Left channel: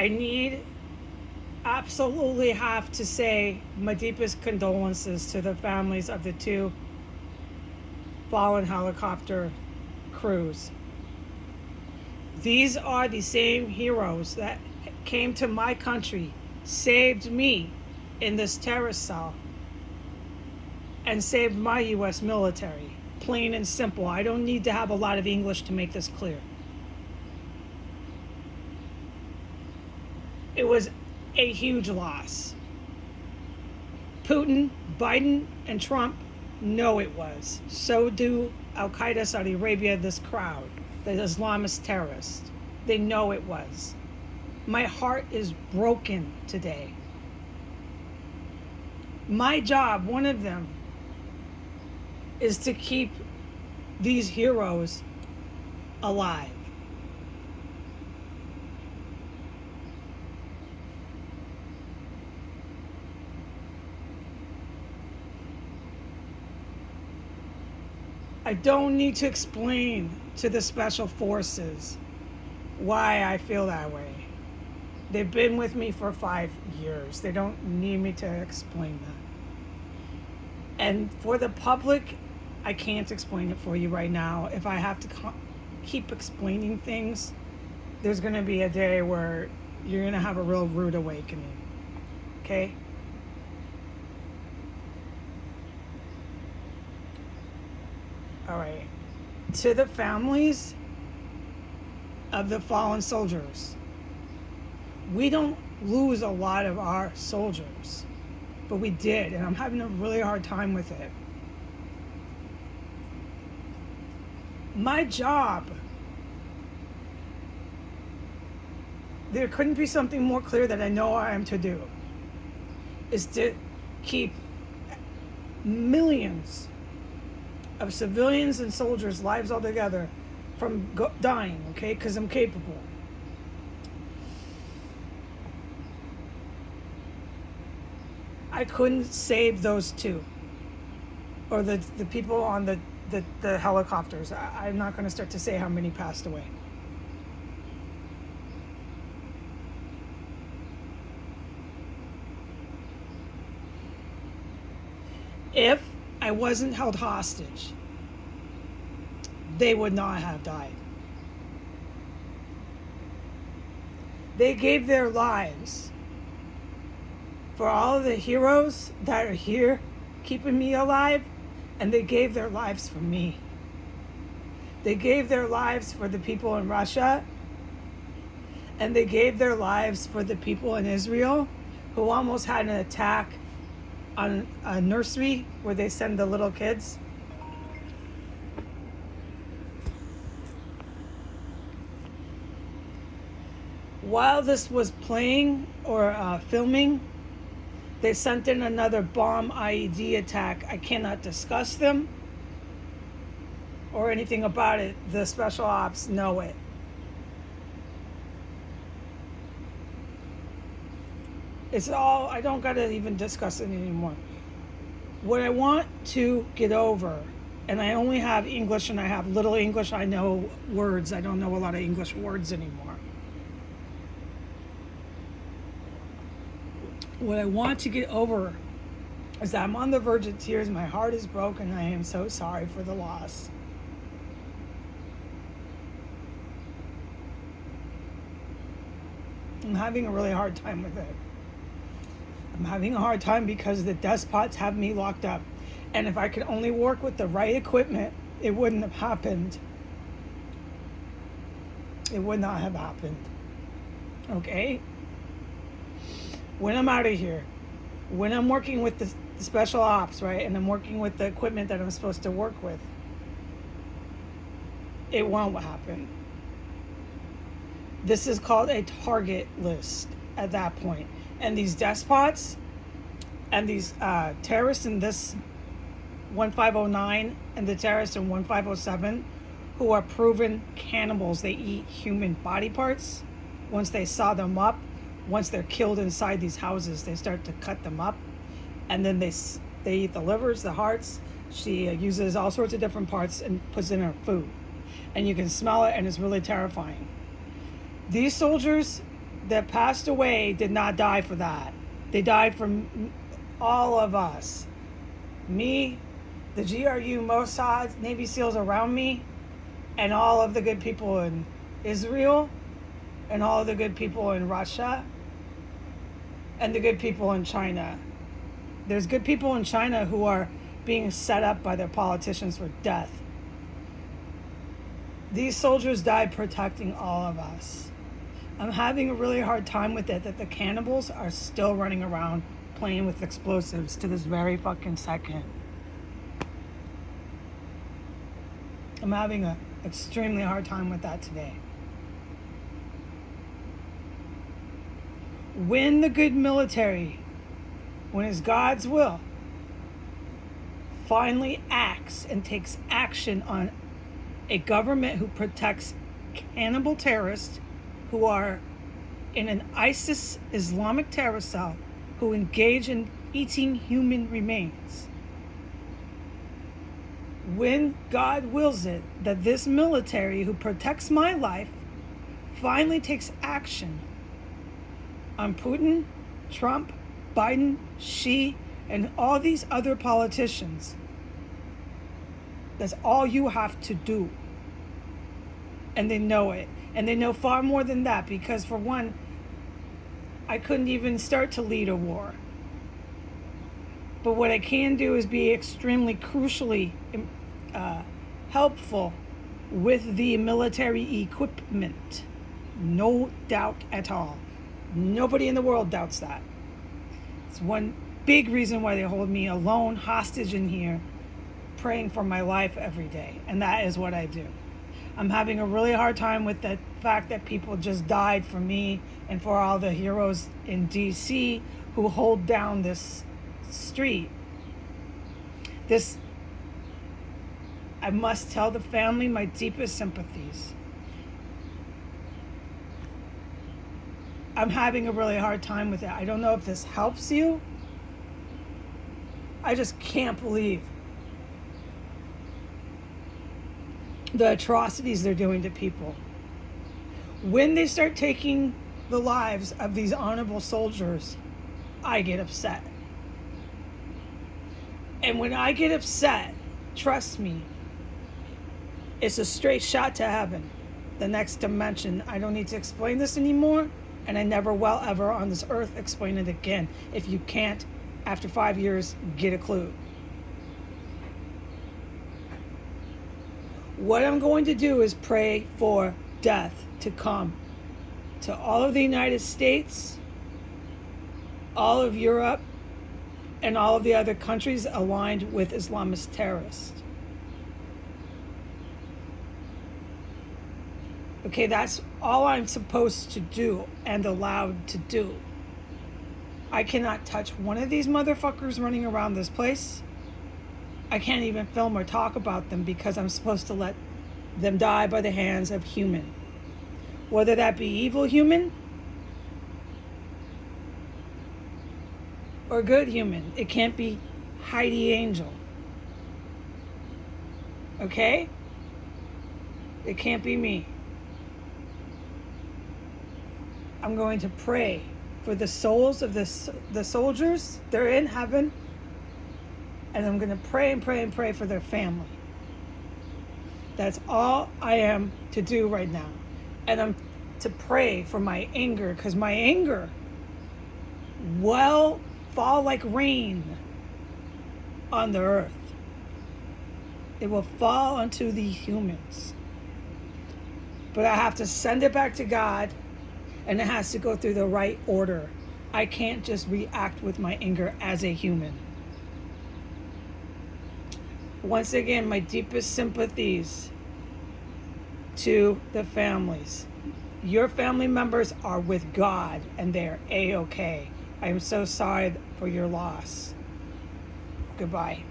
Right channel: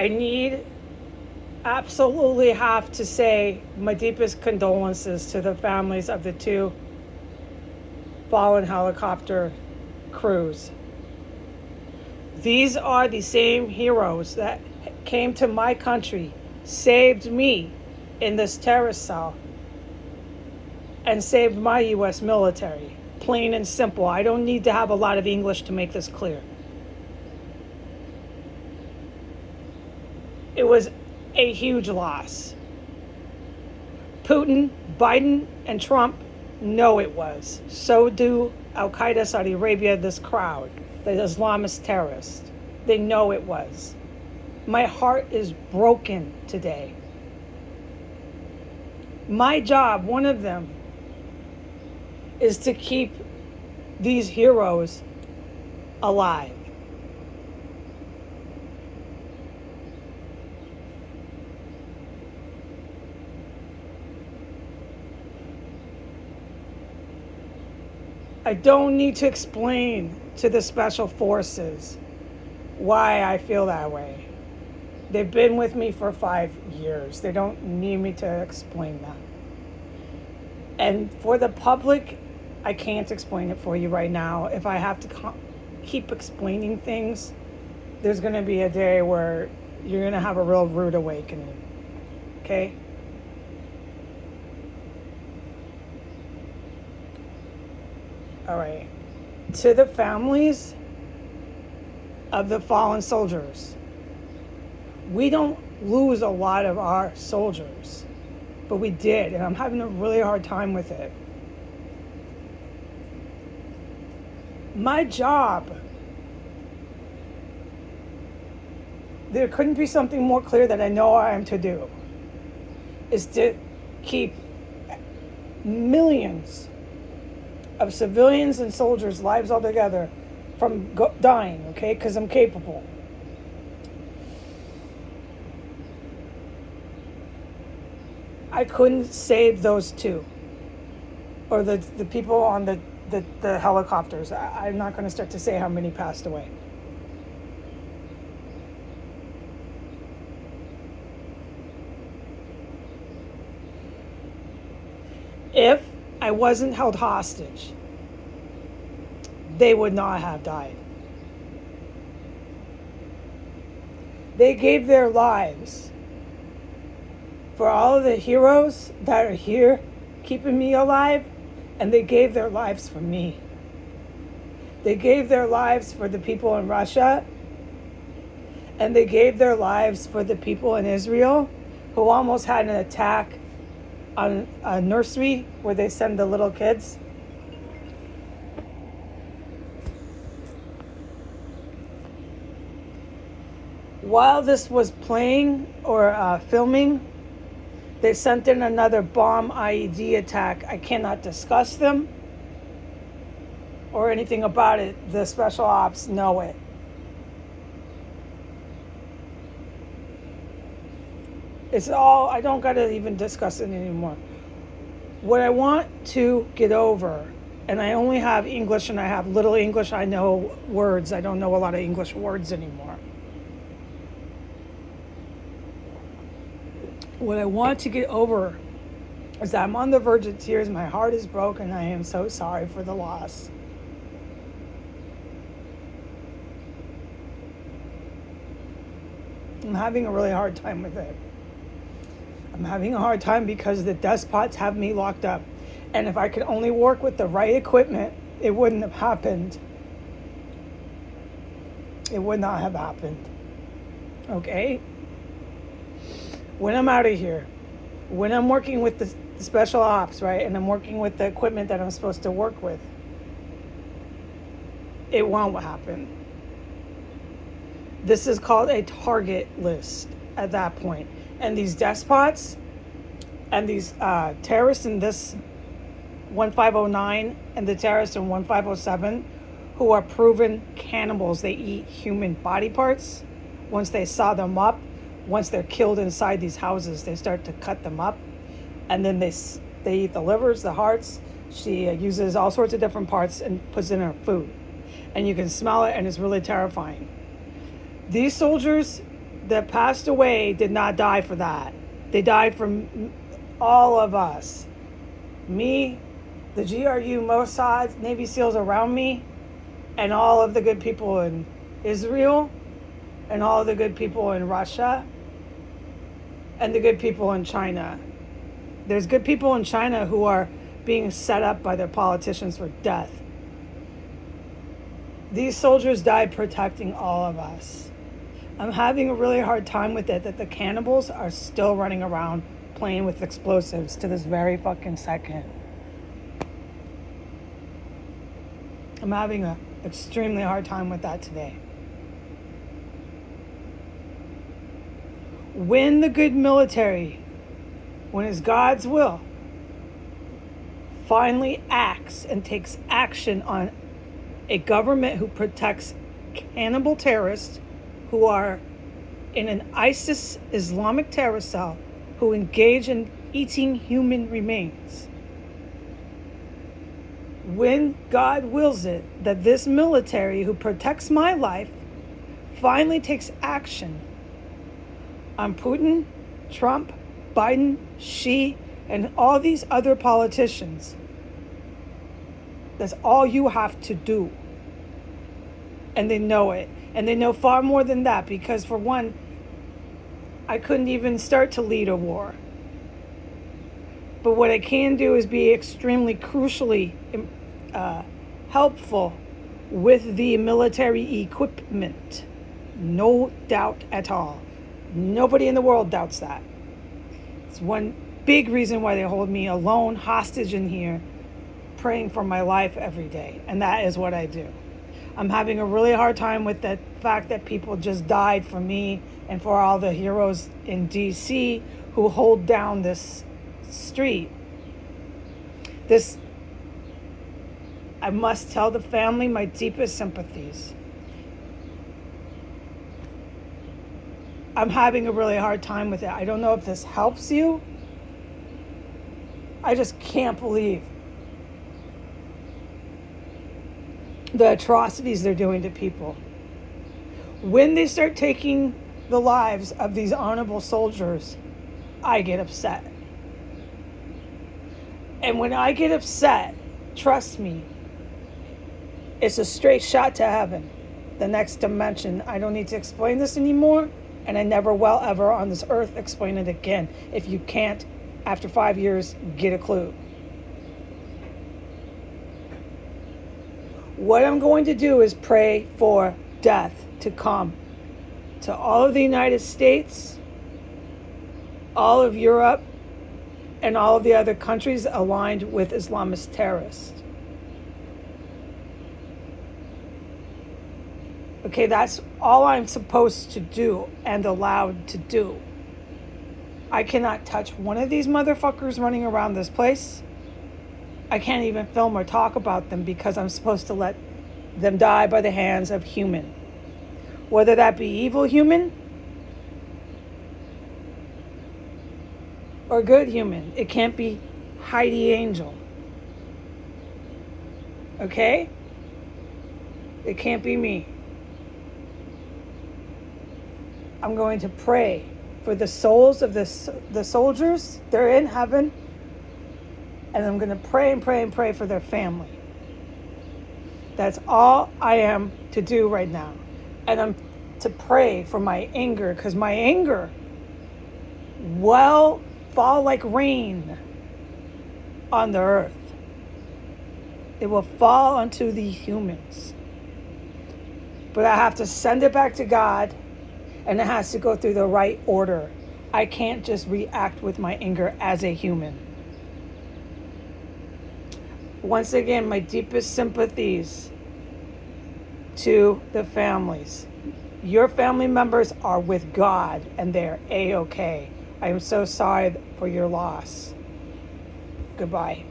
I absolutely have to say my deepest condolences to the families of the two fallen helicopter crews. These are the same heroes that came to my country, saved me in this terrorist cell, and saved my U.S. military. Plain and simple. I don't need to have a lot of English to make this clear. It was a huge loss. Putin, Biden, and Trump know it was. So do Al-Qaeda, Saudi Arabia, this crowd, the Islamist terrorists. They know it was. My heart is broken today. My job, one of them, is to keep these heroes alive. I don't need to explain to the special forces why I feel that way. They've been with me for 5 years. They don't need me to explain that. And for the public, I can't explain it for you right now. If I have to keep explaining things, there's going to be a day where you're going to have a real rude awakening. Okay? All right. To the families of the fallen soldiers, we don't lose a lot of our soldiers, but we did, and I'm having a really hard time with it. My job, there couldn't be something more clear that I know I am to do, is to keep millions of civilians and soldiers' lives altogether from dying, okay? Because I'm capable. I couldn't save those two, or the people on the helicopters. I'm not going to start to say how many passed away. If I wasn't held hostage, they would not have died. They gave their lives for all of the heroes that are here keeping me alive, and they gave their lives for me. They gave their lives for the people in Russia, and they gave their lives for the people in Israel who almost had an attack on a nursery where they send the little kids. While this was playing or filming, they sent in another bomb IED attack. I cannot discuss them or anything about it. The special ops know it. It's all, I don't got to even discuss it anymore. What I want to get over, and I only have English and I have little English, I know words. I don't know a lot of English words anymore. What I want to get over is that I'm on the verge of tears. My heart is broken. I am so sorry for the loss. I'm having a really hard time with it. I'm having a hard time because the despots have me locked up. And if I could only work with the right equipment, it wouldn't have happened. It would not have happened. Okay? When I'm out of here, when I'm working with the special ops, right, and I'm working with the equipment that I'm supposed to work with, it won't happen. This is called a target list at that point. And these despots and these terrorists in this 1509 and the terrorists in 1507 who are proven cannibals, they eat human body parts. Once they saw them up, once they're killed inside these houses, they start to cut them up, and then they eat the livers, the hearts. She uses all sorts of different parts and puts it in her food, and you can smell it, and it's really terrifying. These soldiers, that passed away did not die for that. They died for all of us. Me, the GRU, Mossad, Navy SEALs around me, and all of the good people in Israel, and all of the good people in Russia, and the good people in China. There's good people in China who are being set up by their politicians for death. These soldiers died protecting all of us. I'm having a really hard time with it that the cannibals are still running around playing with explosives to this very fucking second. I'm having an extremely hard time with that today. When the good military, when it's God's will, finally acts and takes action on a government who protects cannibal terrorists who are in an ISIS Islamic terror cell who engage in eating human remains. When God wills it that this military who protects my life finally takes action on Putin, Trump, Biden, Xi, and all these other politicians, that's all you have to do. And they know it. And they know far more than that because, for one, I couldn't even start to lead a war. But what I can do is be extremely crucially helpful with the military equipment. No doubt at all. Nobody in the world doubts that. It's one big reason why they hold me alone, hostage in here, praying for my life every day. And that is what I do. I'm having a really hard time with the fact that people just died for me and for all the heroes in DC who hold down this street. I must tell the family my deepest sympathies. I'm having a really hard time with it. I don't know if this helps you. I just can't believe the atrocities they're doing to people. When they start taking the lives of these honorable soldiers, I get upset. And when I get upset, trust me, it's a straight shot to heaven, the next dimension. I don't need to explain this anymore, and I never will ever on this earth explain it again. If you can't, after 5 years, get a clue. What I'm going to do is pray for death to come to all of the United States, all of Europe, and all of the other countries aligned with Islamist terrorists. Okay, that's all I'm supposed to do and allowed to do. I cannot touch one of these motherfuckers running around this place. I can't even film or talk about them because I'm supposed to let them die by the hands of human. Whether that be evil human or good human. It can't be Heidi Angel. Okay? It can't be me. I'm going to pray for the souls of the soldiers. They're in heaven. And I'm going to pray and pray and pray for their family. That's all I am to do right now. And I'm to pray for my anger, because my anger will fall like rain on the earth. It will fall onto the humans. But I have to send it back to God, and it has to go through the right order. I can't just react with my anger as a human. Once again, my deepest sympathies to the families. Your family members are with God and they're A-okay. I am so sorry for your loss. Goodbye.